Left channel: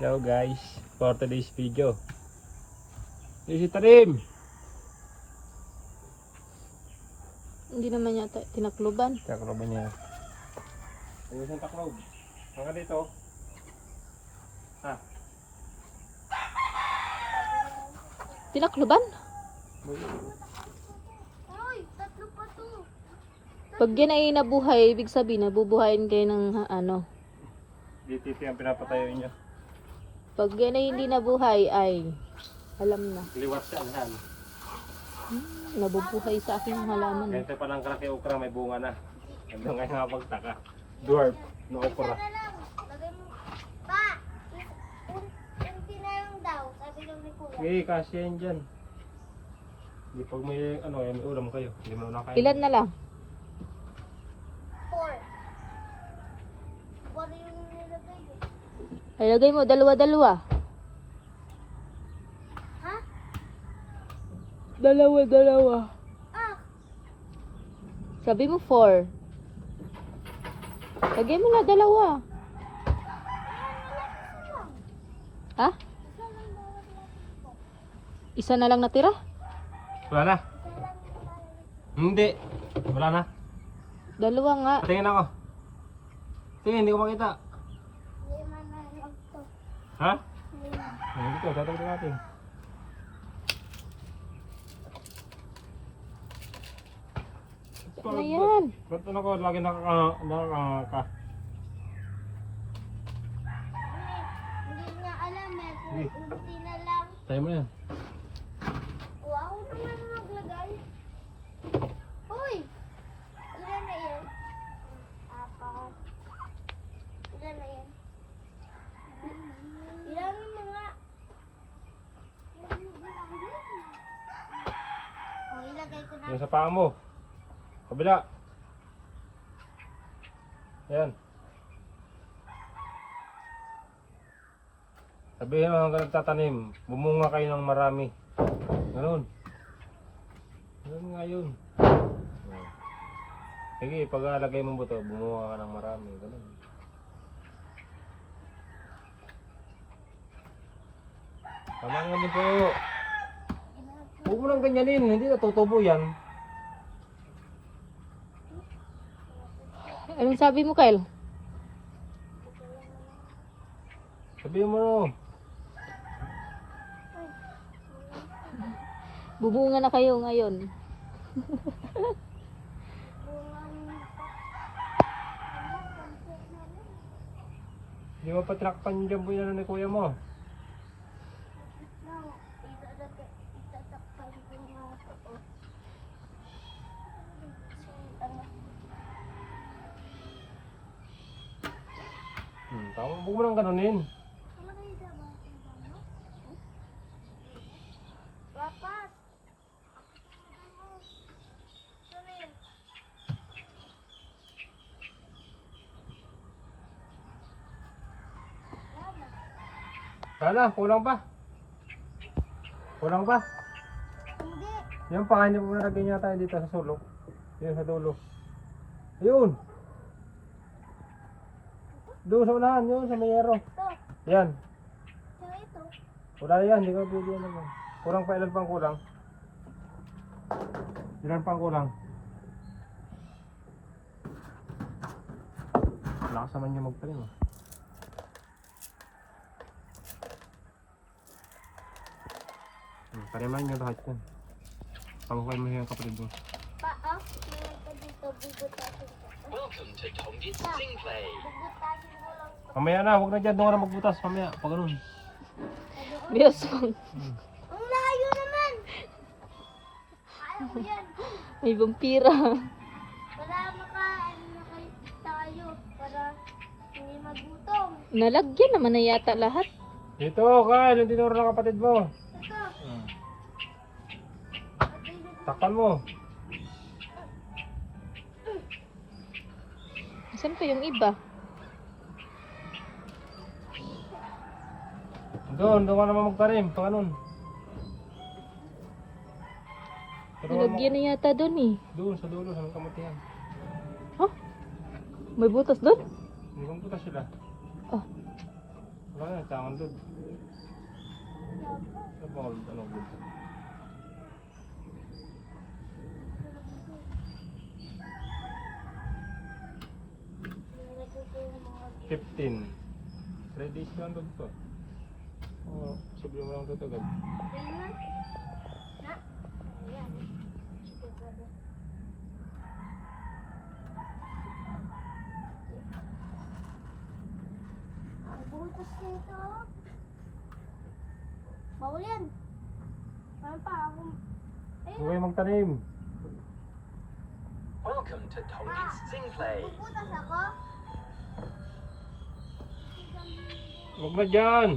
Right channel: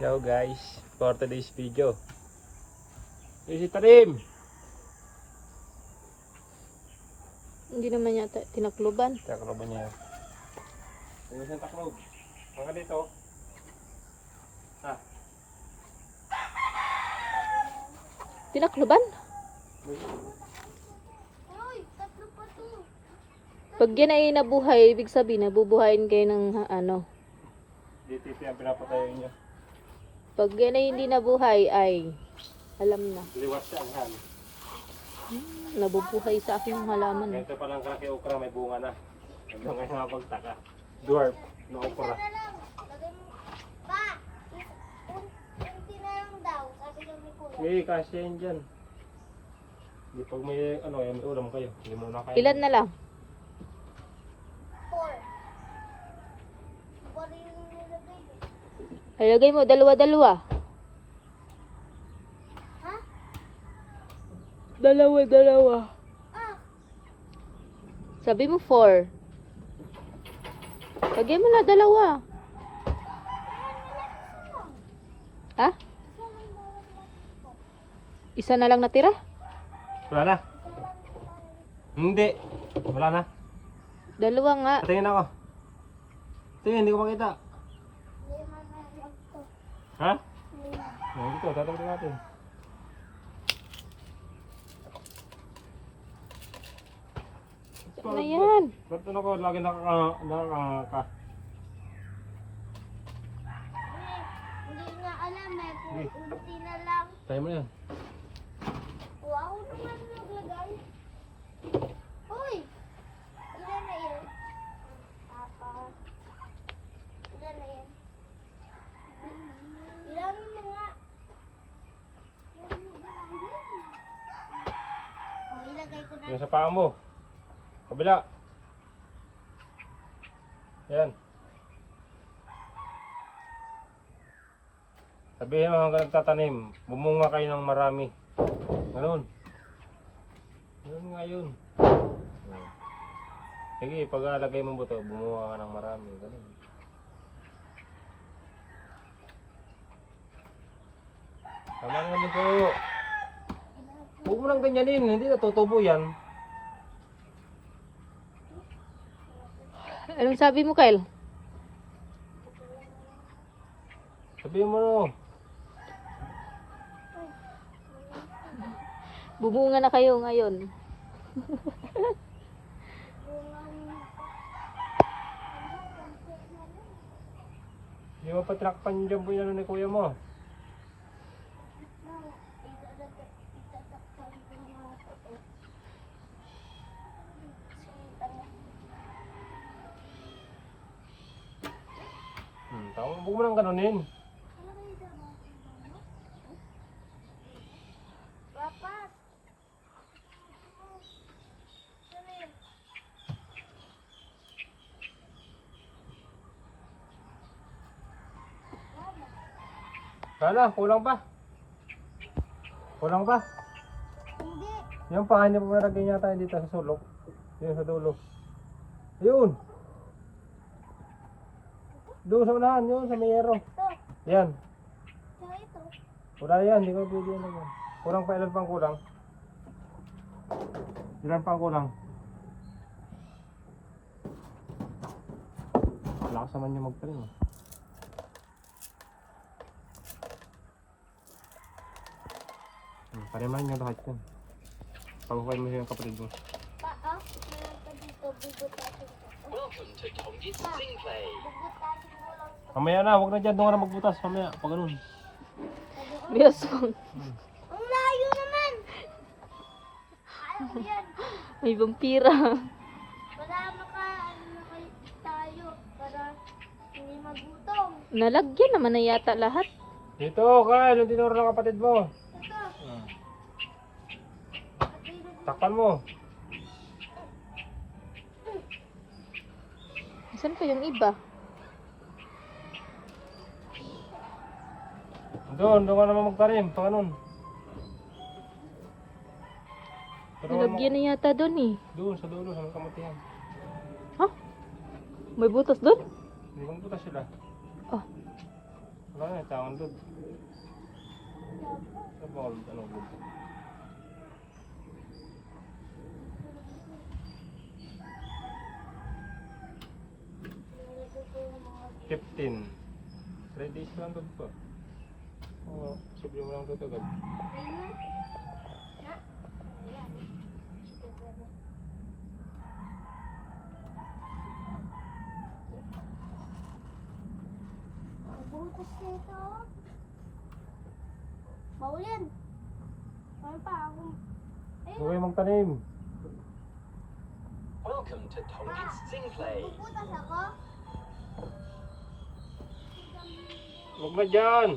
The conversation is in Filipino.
Hello guys, for today's video. Easy trim. Hindi naman yata tinakluban. Takloban niya. Ayos ang taklob. Hanggang dito. Ha? Tinakluban? Hoy, tatlo pa to. Pag yan ay nabuhay, ibig sabihin nabubuhayin kayo ng ano. Dito yung pinapatayo niya. Pag yan ay hindi nabuhay ay alam na. Liwas siya ang Nabubuhay sa aking halaman. Ganito pa lang kalaki okra, may bunga na. Hanggang ngayon nakapagtaka. Dwarf, no okra. Isa na lang. Lagay mo. Pa! Unti na lang daw. Sabi ng ni Kuya. Eh, kasi yan dyan. Di pag may, ano, may ulam kayo. Hindi mo na kayo. Ilan na lang? 4. Wala yung nilagay mo. Ilagay mo, dalawa-dalawa. Ha? Dalawa-dalawa. Ah! Sabi mo 4. Lagay mo na dalawa. Ha? Isa na lang natira? Wala na? Hindi. Wala na. Dalawa nga. Tingin ako. Tingin, hindi ko makita. Lima na lang to. Ha? Lima. Ayan dito, tatawag natin. Ano yan? Ba't ano ko lagi nakaka... Hindi nga alam eh. Sige. Unti na lang. Tayo mo yan. Wow naman maglagay. Uy! Ilan na yan? 4. Ilan na yan? Ilan na nga? Oh, ilagay ko na. Yung sa paa mo. Kabila. Yan. Sabihin mo hanggang nagtatanim, bumunga kayo ng marami. Ganun. Ganun nga yun. Sige, pag nalagay mo buto, bumunga ka ng marami. Ganun. Tama naman yung puno. Huwag mo nang ganyanin, hindi natutubo yan. Anong sabi mo, Kyle? Sabihin mo no. Bubunga na kayo ngayon. Hindi mo patrakpan dyan po yan ni kuya mo. Tama, huwag mo nang ganunin. Papat. Wala, kulang pa. Kulang pa. Hindi. Yung pakain niya paglalagay niya tayo dito sa sulok. Yun sa dulo. Yun. Doon sa unahan, yun sa mayero. Ito. Yan. Saka ito. Wala yan, hindi ko pili naman. Kulang pa, ilan pang kulang? Ilan pang kulang? Lakas naman yung magpaling. Pariman yung kahit yan. Pagkukuha mo siya kapatid mo. Pa, ah. Meron pa dito. Bubutasin ko. Welcome to Tongit Sing Play. Bubutasin ko lang. Mamaya na, huwag na dyan, doon ka na magbutas. Mamaya, pag ganun. Bios Ang layo naman. Alam ko yan. may vampira. Para tayo. Para hindi magutom. Nalagyan naman na yata lahat. Dito, Kyle, yung tinuro ng kapatid mo. Ito. Takpan mo. Saan pa yung iba? Doon ka naman magparim, pag ganun. Nalagyan na yata doon eh. Doon sa dulo, sa kamatihan. May butas doon? Hindi kang putas sila. Oh. Wala na, na, tawon doon. Ano ba? 15. 3 days lang doon po. Oo, siguro mo lang tutugad. Butas nito. Bawal yan. Ano pa ako? Huwag mong tanim. Welcome to Tongji's Sing Play. Butas ako. Huwag na dyan.